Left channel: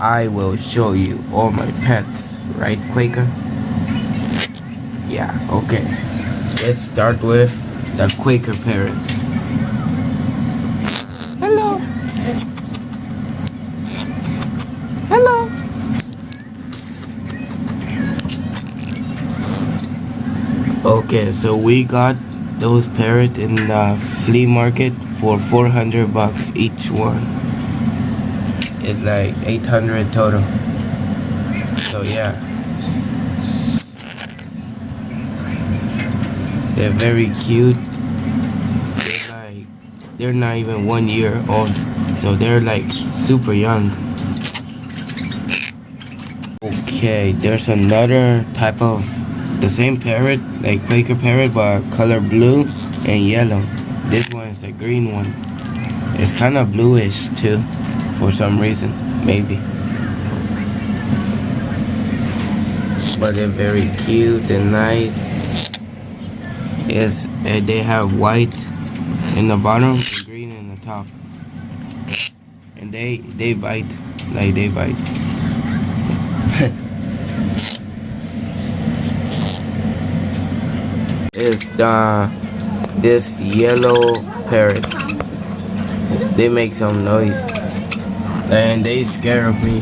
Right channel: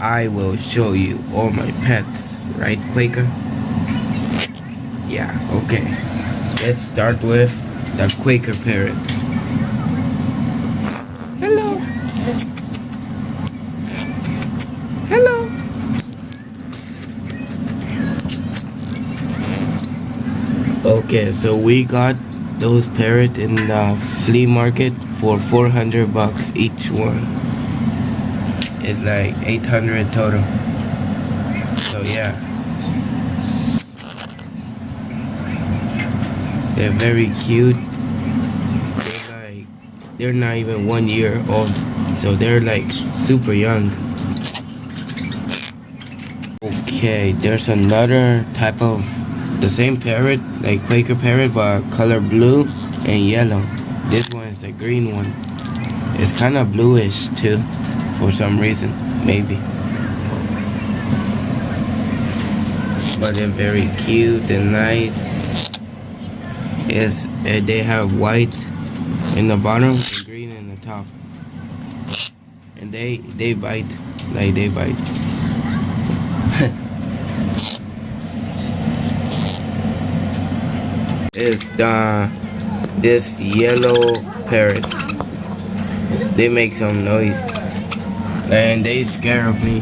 I will show you all my pets, right, Quaker? Yeah, okay. Let's start with the Quaker parrot. Hello. Hello. Okay, so we got those parrots in the flea market for 400 bucks each one. It's like 800 total. So yeah, they're very cute. They're not even 1 year old, so they're like super young. Okay, there's another type of the same parrot, like Quaker parrot, but color blue and yellow. This one is the green one. It's kind of bluish too, for some reason, maybe. But they're very cute and nice. Yes, they have white in the bottom and green in the top. And they bite, like they bite. It's this yellow parrot. They make some noise and they scare of me.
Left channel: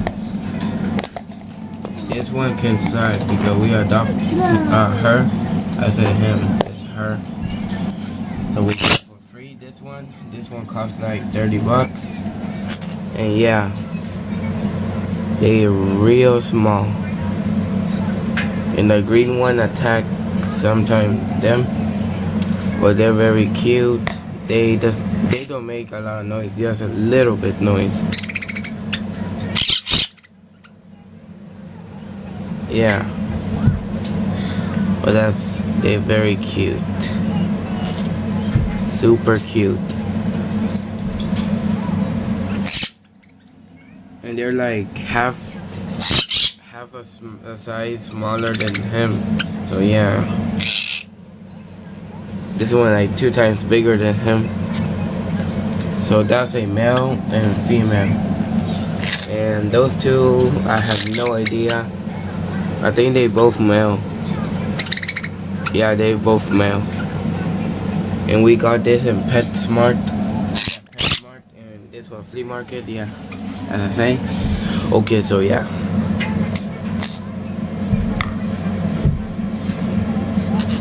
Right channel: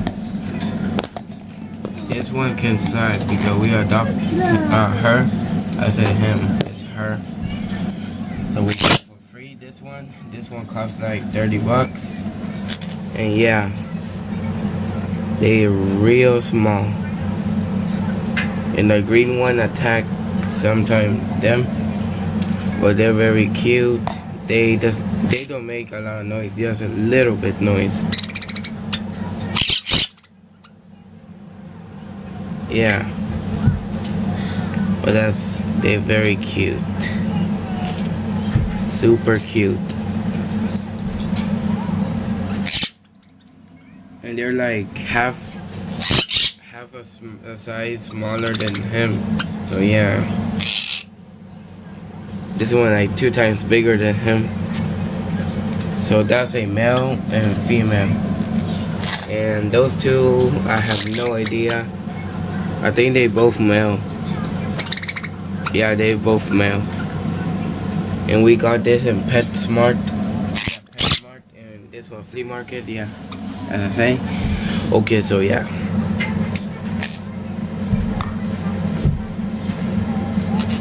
This one can fly because we adopt her. I said him, it's her. So we get it for free. This one costs like 30 bucks. And yeah, they're real small. And the green one attack sometimes them, but they're very cute. They don't make a lot of noise, just a little bit noise. Yeah, but they're very cute, super cute, and they're like half a size smaller than him. So yeah, this one like 2 times bigger than him. So that's a male and female. And those two, I have no idea. I think they both male. Yeah, they both male. And we got this in PetSmart. PetSmart, and this one flea market. Yeah, as I say. Okay, so yeah.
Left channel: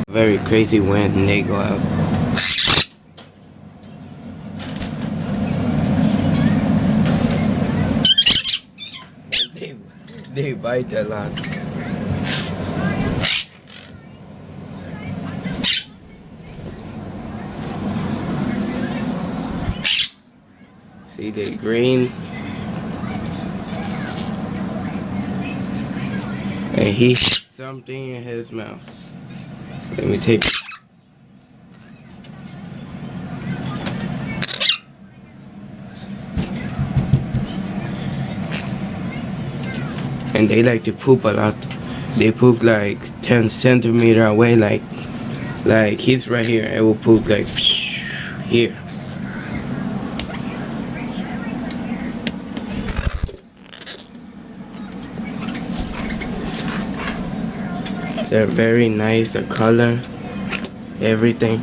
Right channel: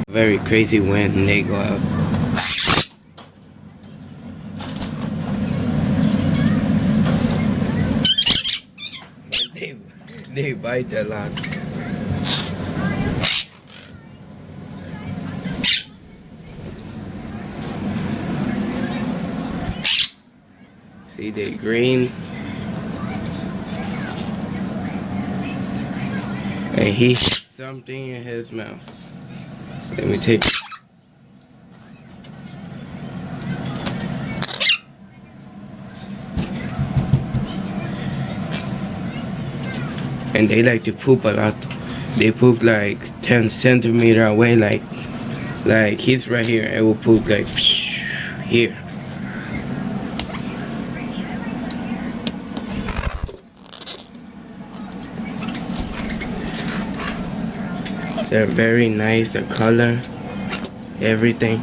Very crazy when they go out. They bite a lot. See, they green. And he has something in his mouth. Let me take it. And they like to poop a lot. They poop like 10 centimeters away, like he's right here. It will poop like here. They're very nice, the color, everything.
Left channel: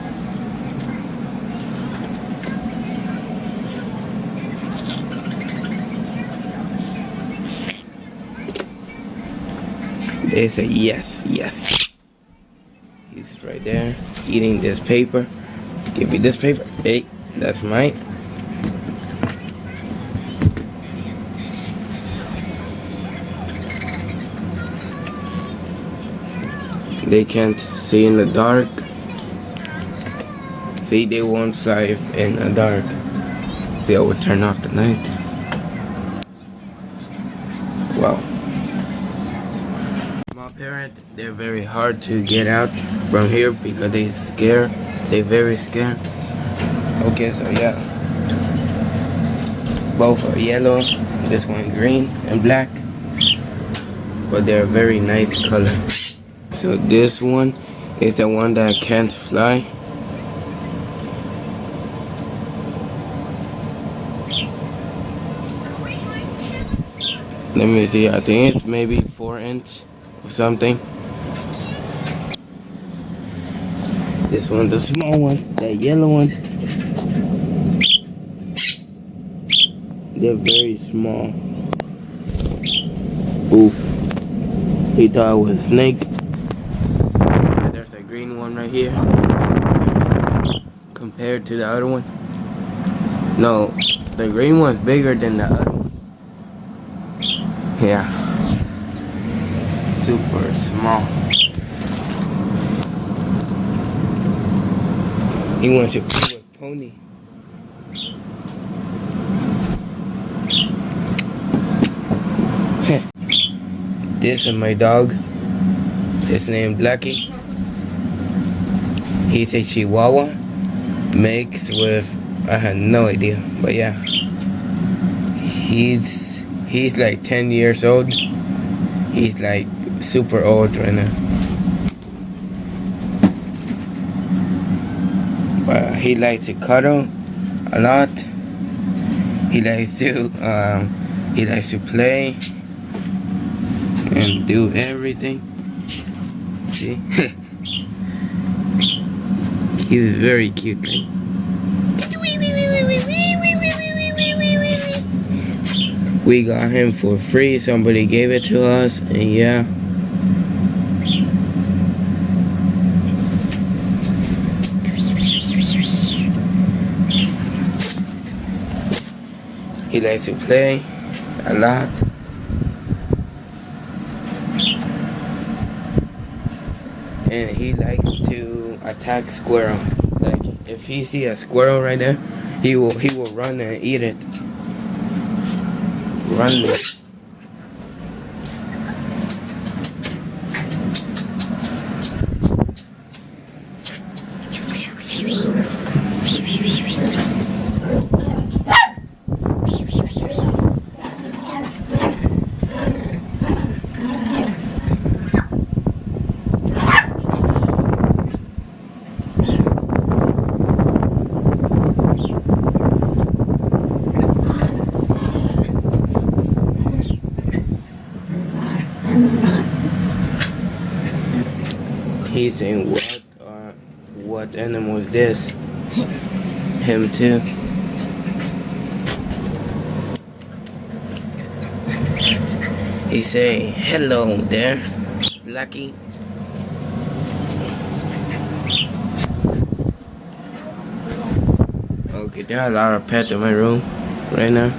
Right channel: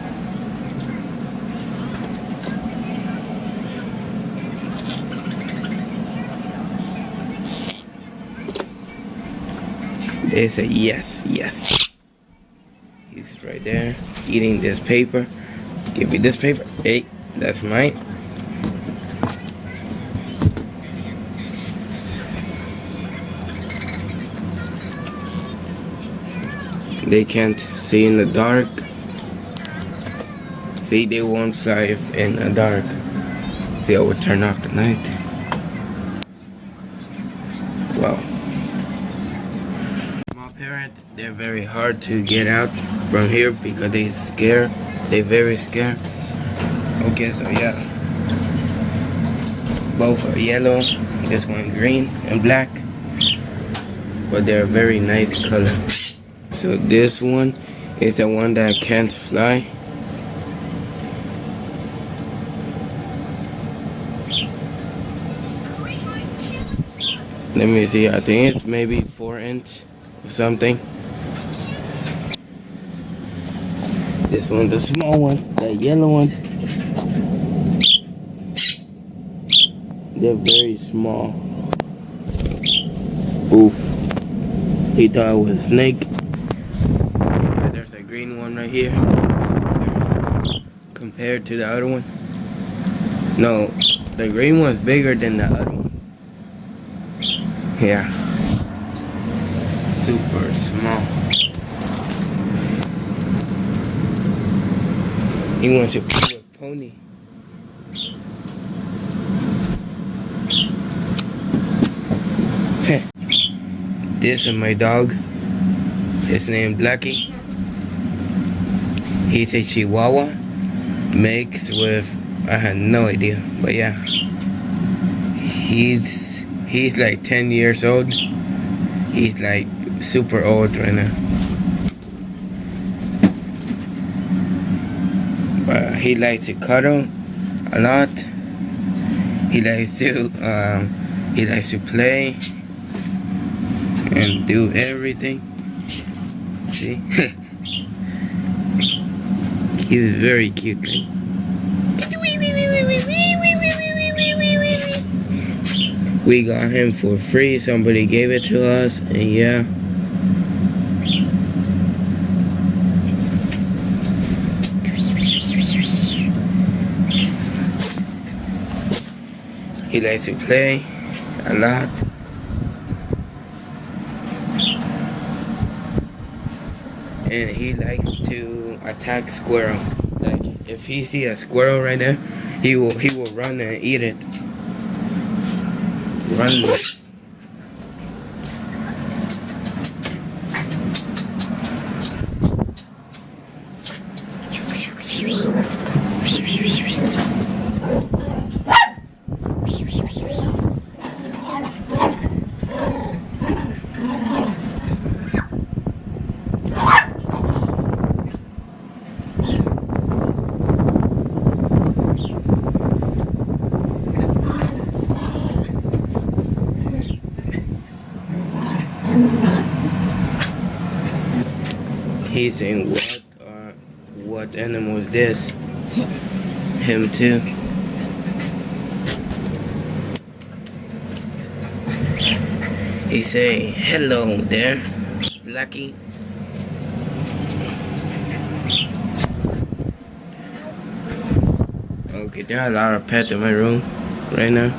They say yes, yes. He's right there eating this paper. Give me this paper. Hey, that's mine. They can't see in the dark. See, they won't fly in the dark. See, I will turn off the light. Wow. Small parrot, they're very hard to get out from here because they scare. They're very scared. Okay, so yeah. Both are yellow. This one green and black. But they're very nice color. So this one is the one that can't fly. Let me see. I think it's maybe 4" or something. This one's the small one, that yellow one. They're very small. Oof. He thought it was a snake. There's a green one right here. Compared to the other one. No, the green one's bigger than the other one. Yeah. Super small. He wants to play with Pony. This is my dog. His name Blackie. He's a Chihuahua mixed with, I had no idea, but yeah. He's like 10 years old. He's like super old right now. But he likes to cuddle a lot. He likes to play and do everything. See? He's very cute. We got him for free. Somebody gave it to us, and yeah. He likes to play a lot. And he likes to attack squirrel. Like if he see a squirrel right there, he will run and eat it. Run. He's saying what animal is this? Him too. He's saying hello there, Lucky. Okay, there are a lot of pets in my room right now.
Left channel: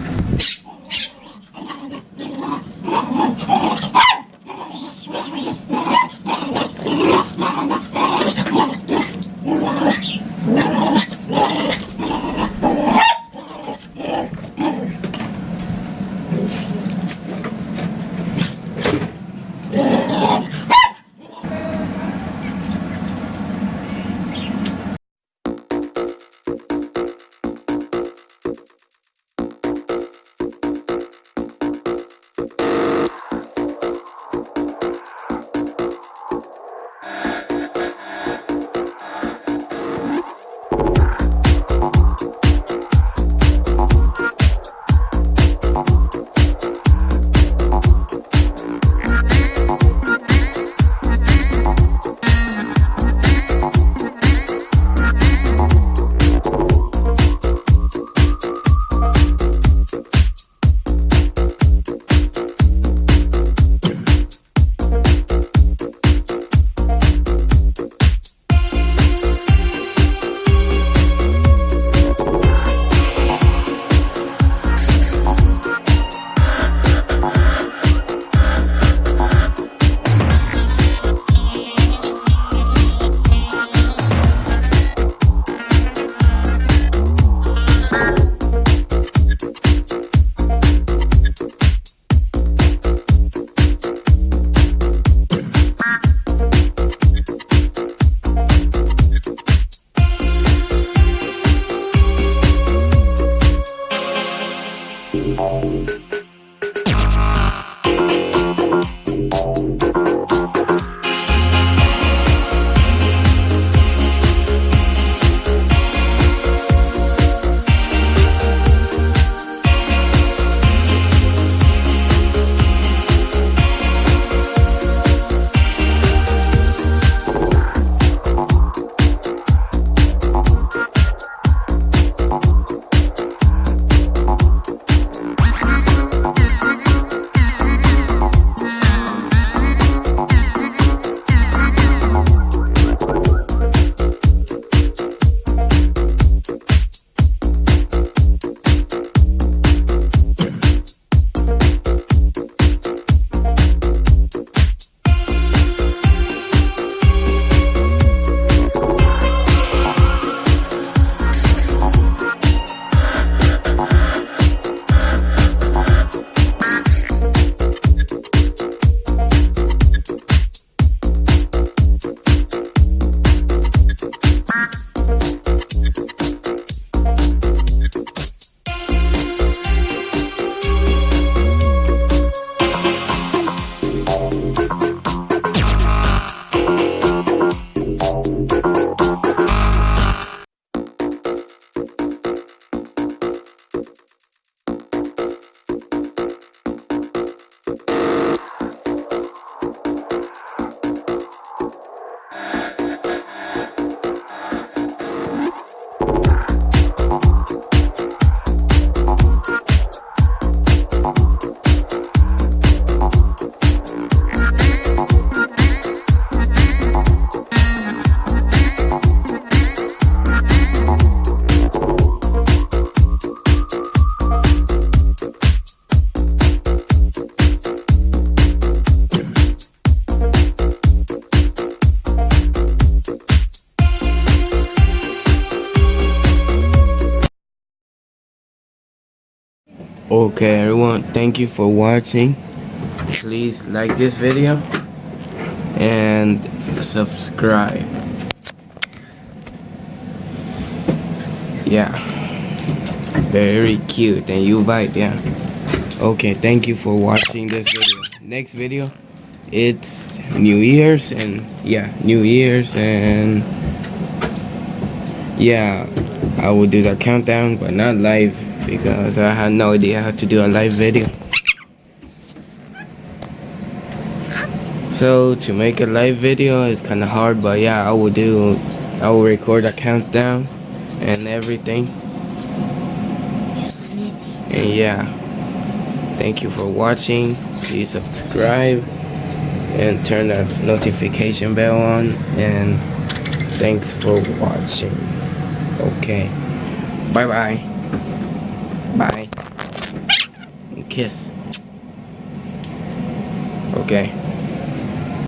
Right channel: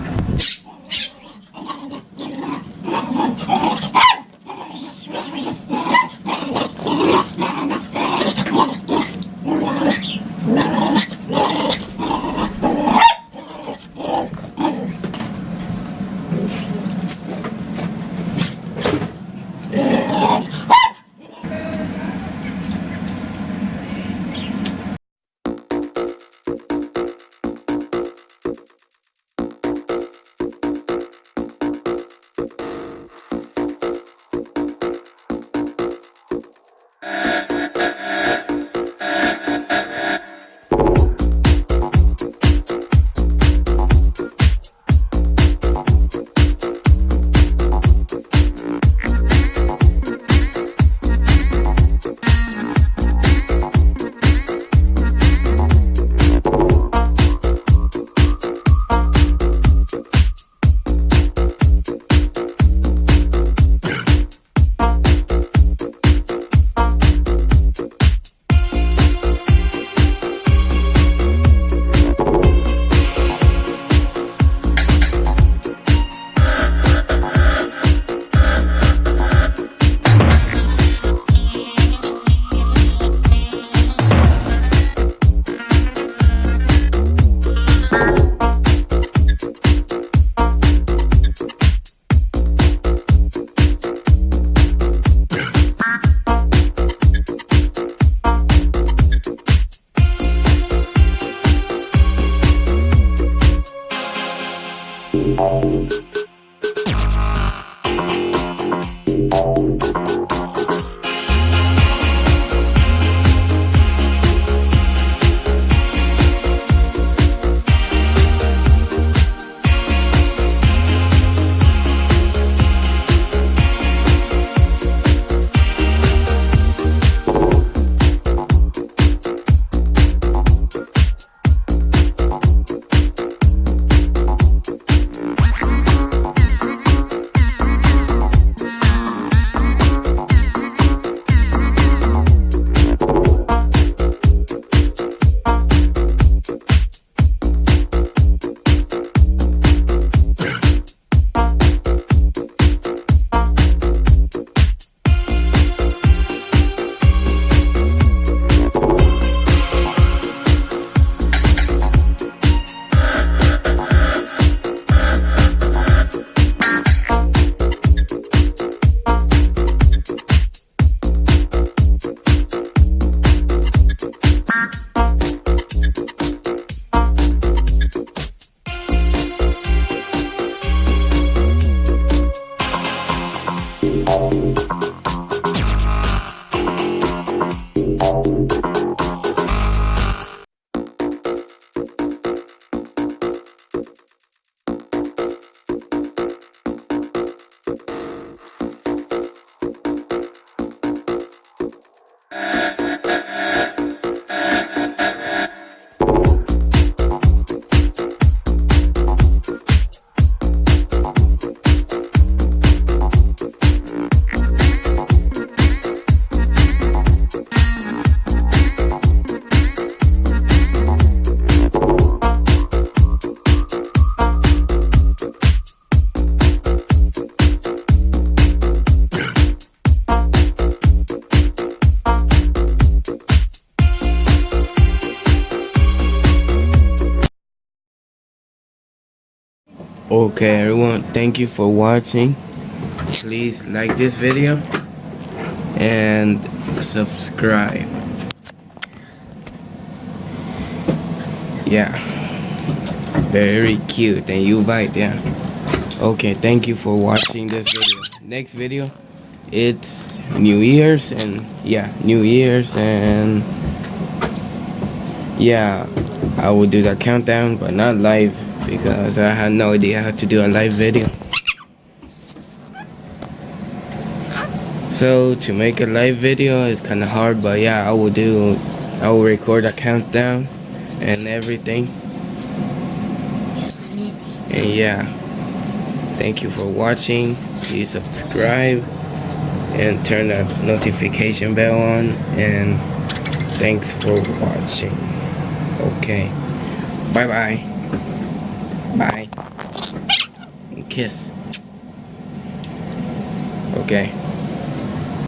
Okay, everyone, thank you for watching. Please like this video and subscribe. Yeah, very cute, and you bite. Yeah. Okay, thank you for watching this video. Next video, it's New Year's, and yeah, New Year's, and yeah, I will do the countdown, but not live because I had no idea how to do a live video. So to make a live video is kind of hard, but yeah, I will record a countdown and everything. And yeah, thank you for watching. Please subscribe and turn the notification bell on, and thanks for watching. Okay, bye bye. Bye. And kiss. Okay.